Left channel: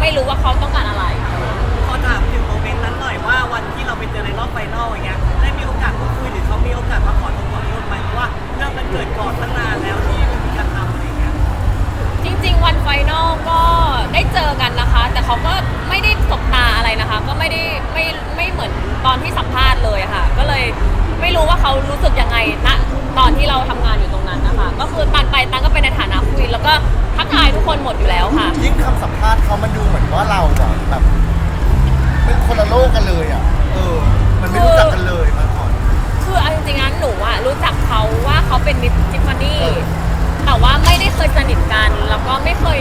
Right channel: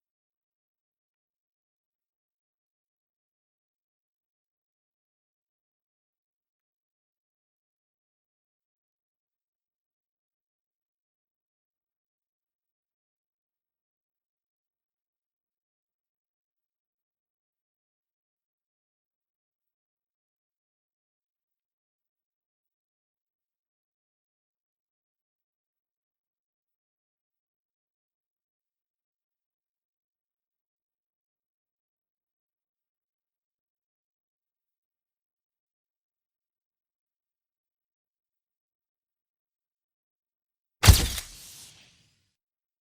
เขาต้องการอะไรขอถามถึงโมเมนต์นั้นหน่อยว่าวันที่เราไปเจอในรอบไฟนอลอย่างเงี้ยได้มีโอกาสพูดคุยหรือเขามีโอกาสมาขอโทษขอโทษไหมเพราะว่าเรื่องมันเกิดก่อนตั้งนานแล้วที่ไม่มีการทำอะไรอย่างเงี้ยจริง ๆ วันไฟนอลก็ได้เจอกันนะคะ แต่เขาก็ไม่ได้สบตาอะไรนะคะ ก็ไม่ได้ไม่ไม่เหมือนตอนที่สัมภาษณ์เลยค่ะ ก็เลยไม่รู้ว่าเขารู้สึกยังไงณตอนที่เราทำงานอยู่ตรงนั้นนะคะ ก็คือตันไปตันก็เป็นในฐานะคุยแล้วก็ทักทายทุกคนหมดอยู่แล้วค่ะ ยิ่งคำสัมภาษณ์เขามันดู กกันเลยอะ เออ มันไม่รู้จักกันเลยมาก่อน คือเอาจริงๆนะหนูอะรู้จักเขาว่าเขาเป็นมิสทิฟฟานี่เออแต่ว่าไม่ได้เคยสนิทกัน แล้วก็ไม่เคย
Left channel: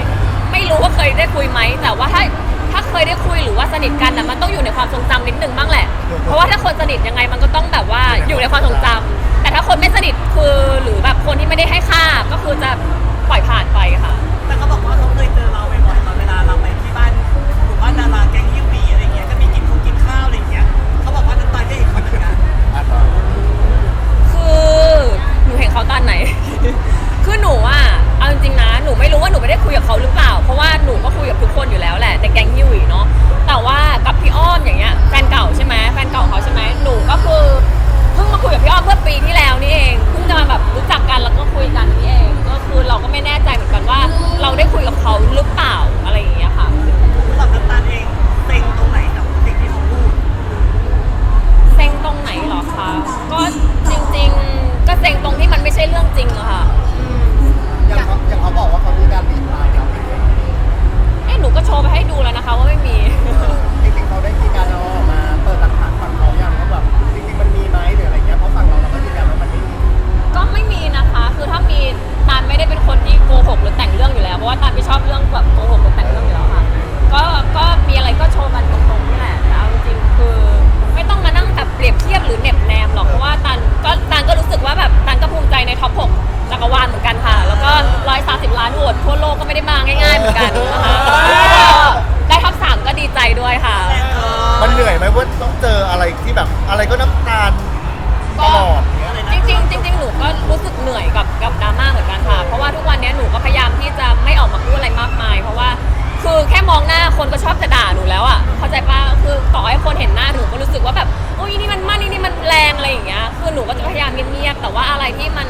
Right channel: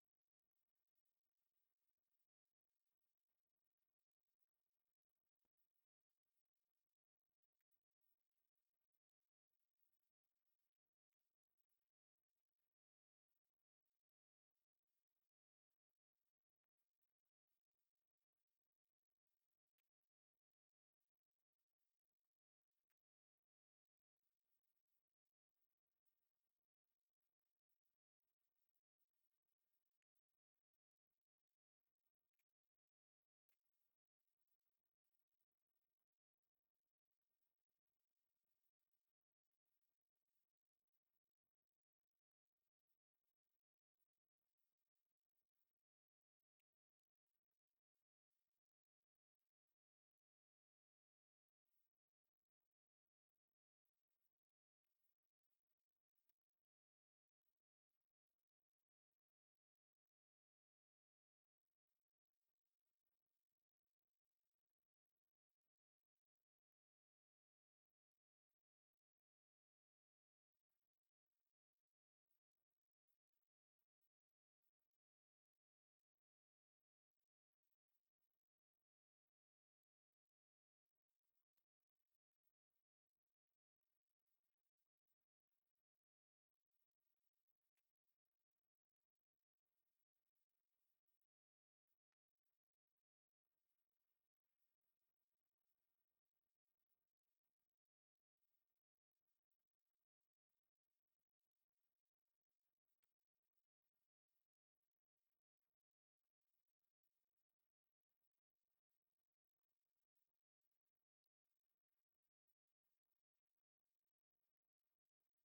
ไม่รู้ว่าเคยได้คุยไหมแต่ว่าถ้าถ้าเคยได้คุยหรือว่าสนิทกันนะมันต้องอยู่ในความทรงจำนิดนึงบ้างแหละ เพราะว่าถ้าคนสนิทยังไงมันก็ต้องแบบว่าอยู่ในความทรงจำแต่ถ้าคนไม่สนิทคือหรือแบบคนที่ไม่ได้ให้ค่าก็คือจะปล่อยผ่านไปค่ะ ไม่รู้ว่าหนูไม่ได้คุยกับเขาหรือเปล่า เพราะว่าหนูก็คุยกับทุกคนอยู่แล้วแหละในแก๊งยิวอีเนาะแต่ว่ากับพี่อ้อมอย่างเงี้ยแฟนเก่าใช่ไหมแฟนเก่าเขาใช่ไหมหนูก็คือเพิ่งมาคุยกับพี่อ้อมเมื่อปีที่แล้วนี่เองเพิ่งจะมาแบบรู้จักกันแล้วก็คุยกันนี่เองก็คือเราก็ไม่แน่ใจเหมือนกันว่า เราได้คุยกับเขาหรือเปล่าอะไรอย่างเงี้ยค่ะ สำหรับน้ำตาลเองเต็งตรงไหนกับสิ่งที่เขาพูดเซ็งตรงไหนเหรอคะ ก็จริงๆ ก็เซ็งตรงที่มันไม่ใช่เรื่องจริงอะค่ะ อะไรก็น้ำตาลตลอดเนี้ยจริงๆจริงๆหนูก็รู้สึกเหนื่อยกับกับดราม่าเหมือนกันค่ะ เพราะว่าทุกวันนี้หนูก็พยายามที่จะไม่ออกมาพูดอะไรมากมาย เพราะว่าคือแค่มองหน้าคนก็ชอบจะด่าหนูแล้วอะเข้าใจปะคือต่อให้คนเห็นหน้าหนูก็รู้สึกว่าแบบโอ้ยนี่มันมั่นนี่มันแรงอะไรอย่างเงี้ยคือหนูก็จะพยายามเงียบๆแต่ว่าอะไรที่มัน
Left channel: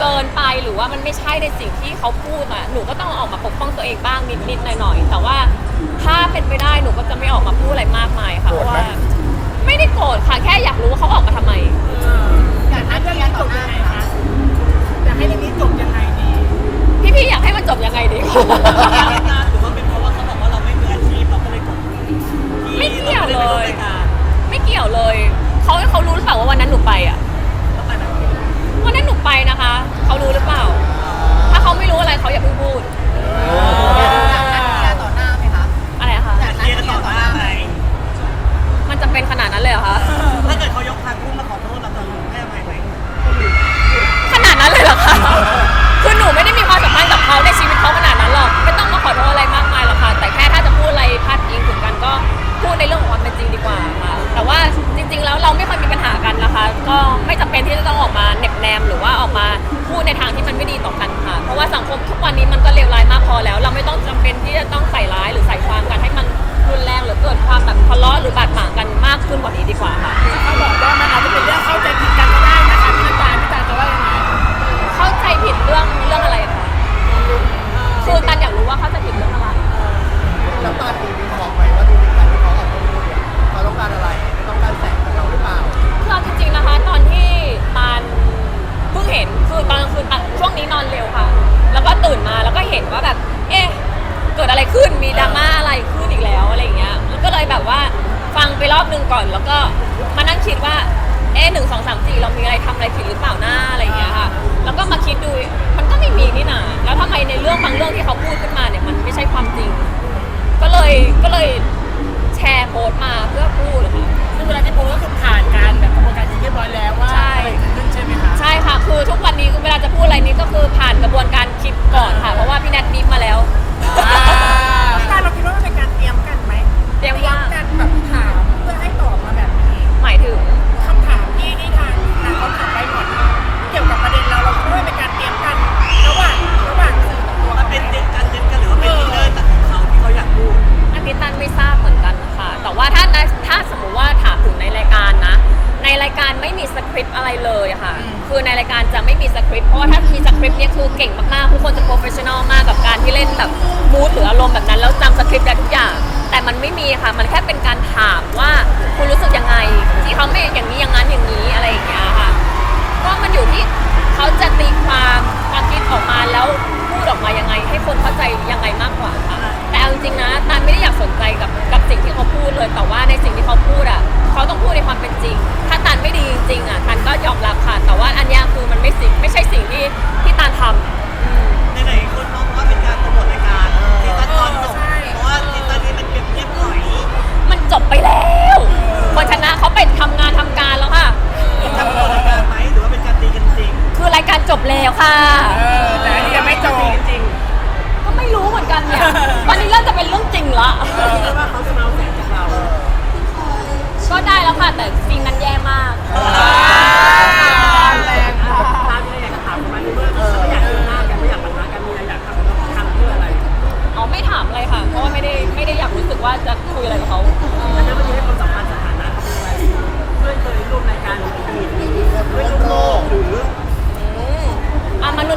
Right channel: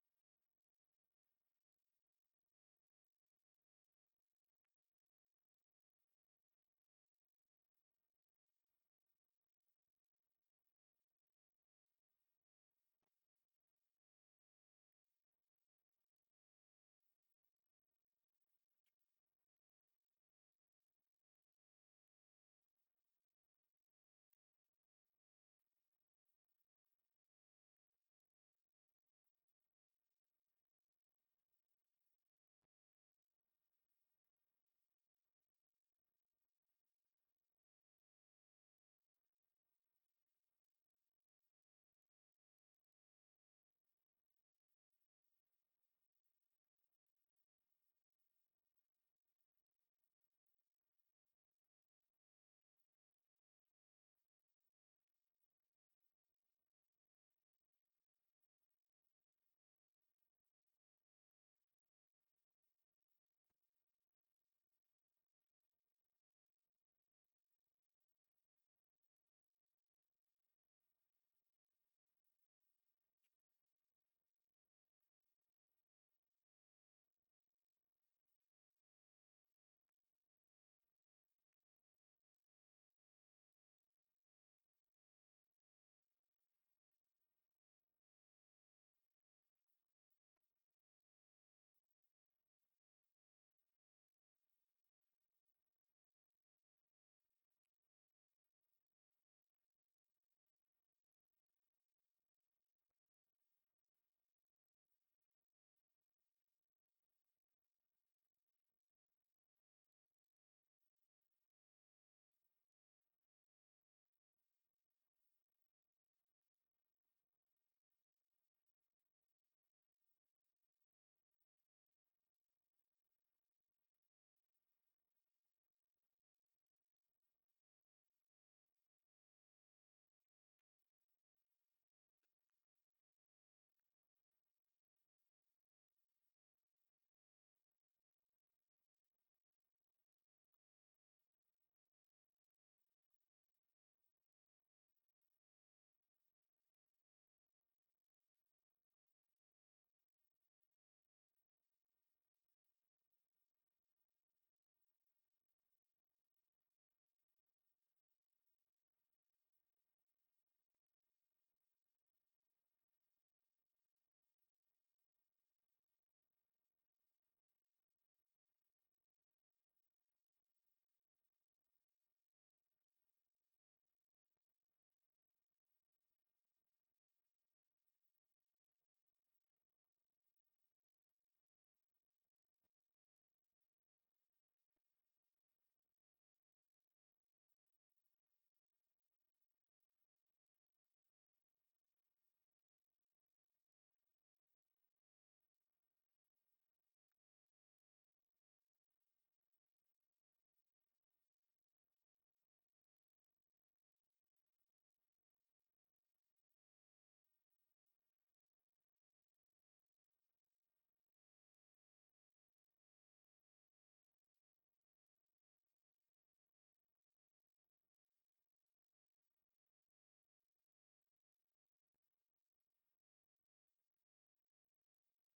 เกินไปหรือว่ามันไม่ใช่ในสิ่งที่เขาพูดอะหนูก็ต้องออกมาปกป้องตัวเองบ้างนิดๆหน่อยๆแต่ว่าถ้าเป็นไปได้หนูก็จะไม่ออกมาพูดอะไรมากมายค่ะเพราะว่า ไม่ได้โกรธค่ะ แค่อยากรู้ว่าเขาออกมาทำไม อยากให้เรื่องนี้จบยังไงคะอยากให้เรื่องนี้จบยังไงดีพี่ๆอยากให้มันจบยังไงดีคะนานหรือว่าเป็นเพราะว่าเขาบอกว่าเราไม่มืออาชีพเราก็เลยกดไม่เกี่ยวเลยรายการไม่เกี่ยวเลยเขาเขารู้หรือเปล่าว่าวันนั้นหนูไปอะแล้วไปแบบวันนั้นหนูไปนะคะเขารู้หรือเปล่า ถ้าเขาไม่รู้อะไรเขาอย่าเพิ่งพูด พูดในเรื่องของความเป็นจริงดีกว่าค่ะ แต่ว่าจริง ๆ แล้วเราไม่เคยมีปัญหากันนะคะ ก็ไม่จำเป็นที่จะต้องออกมาเหน็บแนมหรือว่าออกมาพูดในทางที่มันไม่ดีต่อกันค่ะ เพราะว่าสังคมทุกวันนี้มันก็เลวร้ายมากพอแล้ว เราไม่ต้องจำเป็นที่จะต้องใส่ร้ายหรือใส่ความกันให้มันรุนแรงหรือเกิดความแบบทะเลาะหรือบาดหมางกันมากขึ้นกว่านี้ดีกว่าค่ะ เขาบอกว่ามันอาจจะเป็น อะไรขึ้นมีดราม่าอะไรขึ้นอีกแล้วอะไรอย่างเงี้ยแล้วก็เลยแบบว่าฟังไปรอบนึงก่อนแล้วก็มานั่งคิดว่าเอ๊ะหนึ่งสองสามสี่เรามีอะไรทำอะไรผิดหรือเปล่าหน้าอะไรอย่างเงี้ยค่ะแล้วก็มาคิดดูมันก็ไม่มีนี่นาแล้วทำไมในเรื่องบางเรื่องที่เขาพูดขึ้นมาเนี่ยมันไม่ใช่ความจริง ก็เลยก็เลยแชร์โพสต์มาเพื่อพูดค่ะ ซึ่งเวลาที่โพสต์ก็คือผ่านการแบบกระบวนการที่เรียบร้อยแล้วว่าใช่ อะไรเกิดขึ้นใช่ไหมคะใช่ค่ะ คือทุกวันนี้เวลาจะพูดอะไรนี้ก็คือผ่านกระบวนการคิดก่อนค่ะ เพราะว่าพี่แนทบีบมาแล้ว พี่ตาลเราคิดว่ามันเป็นการเตรียมกันไหมเตรียมว่า กัน ในรายการไม่มีสคริปต์อะไรเลยค่ะ คือในรายการจะไม่มีสคริปต์เพราะว่าถ้ามีสคริปต์เนี่ยคือเก่งมากๆทุกคนจะโปรเฟชชั่นอลมากกับการที่เล่นแบบมูดหรืออารมณ์แบบนั้นแล้วจำสคริปต์ได้ทุกอย่าง แต่มันไม่มีค่ะ มันแค่เป็นการถามว่าคุณรู้สึกยังไง ที่เขาไม่อย่างนี้อย่างนั้นอย่างนี้อะไรอย่างเงี้ยค่ะ ก็มันอยู่ที่เขาจะตีความความคิดออกมาแล้วพูดออกมายังไง ให้คนเข้าใจยังไงมากกว่าค่ะ แต่เอาจริงๆนะตาไม่ได้อยากสนใจกับกับสิ่งที่ แล้วค่ะ เออแต่อันนี้ยังไม่จบจริง ก็ไม่รู้เหมือนกันเนี่ย ตอนนี้เริ่มจะเป็นเรื่องจริงละว่าเขาจะมาเอาแสงจากเราก็ได้แล้วค่ะ แต่ซีนนั้นแย่มาก แรงค่ะตามที่อยากจะถามมันเมื่อไม่อยากเจอหน้ากันไม่อยากปะทะกันมีอะไรอยากทำแล้วทำเพื่ออะไร อ๋อไม่ถามอะไรค่ะ เพราะว่าไม่ได้ไม่ได้อยากรู้สึกว่าจะคุยอะไรกับเขา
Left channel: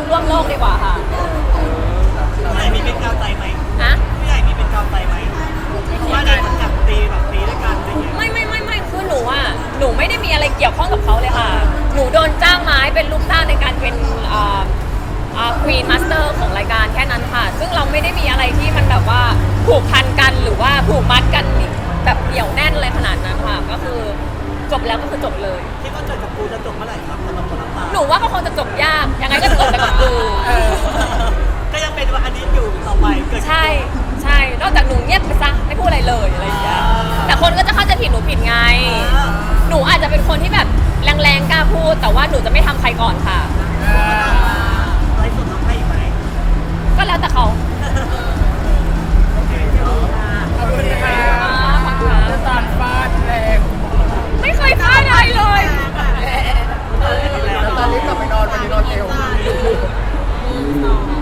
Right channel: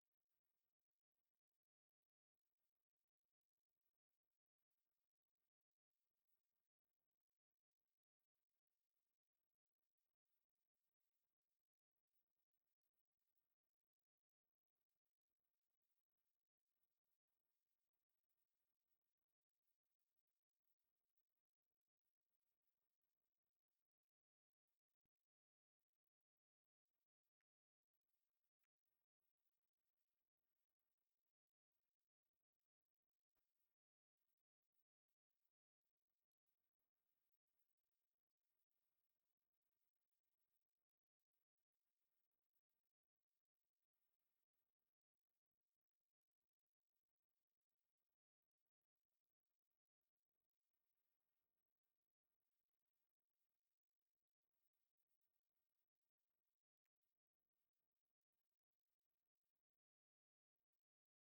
ร่วมโลกดีกว่าค่ะผู้ใหญ่มีเป็นกาวใจไหมนะผู้ใหญ่มีเป็นกาวใจไหมว่าในสังกัดตีแบบตีด้วยกันอะไรอย่างเงี้ยไม่ไม่ไม่ไม่คือหนูอะหนูไม่ได้มีอะไรเกี่ยวข้องกับเขาเลยค่ะ หนูโดนจ้างไม้เป็นลูกจ้างในการเป็นอ่าอ่าควีนมาสเตอร์ของรายการแค่นั้นค่ะ ซึ่งเราไม่ได้มีอะไรที่มันแบบว่าผูกพันกันหรือว่าผูกมัดกันแบบเหนียวแน่นเลยขนาดนั้นค่ะก็คือ จบแล้วก็คือจบเลย ที่ก็าจอกับปูจะจบเมื่อไหร่ครับสำหรับคนรับฟัหนูว่ามันคงจะจบยากยังไงก็จบต่กับปูก็ยังเป็นว่าอันนี้อยู่ต่อไปเกิดใช่ใช่นอกจากหนูเงียบไปซะไม่พูดอะไรเลยอะไรอย่างเงี้ยแต่คนก็จะเข้าใจผิดหนูผิดไง หนูอาจจะเป็นคนที่แบบแรงๆกล้าพูด แต่ว่าหนูจะไม่ทำใครก่อนค่ะอะไรสดน้องให้อีกไหมก็แล้วแต่เขา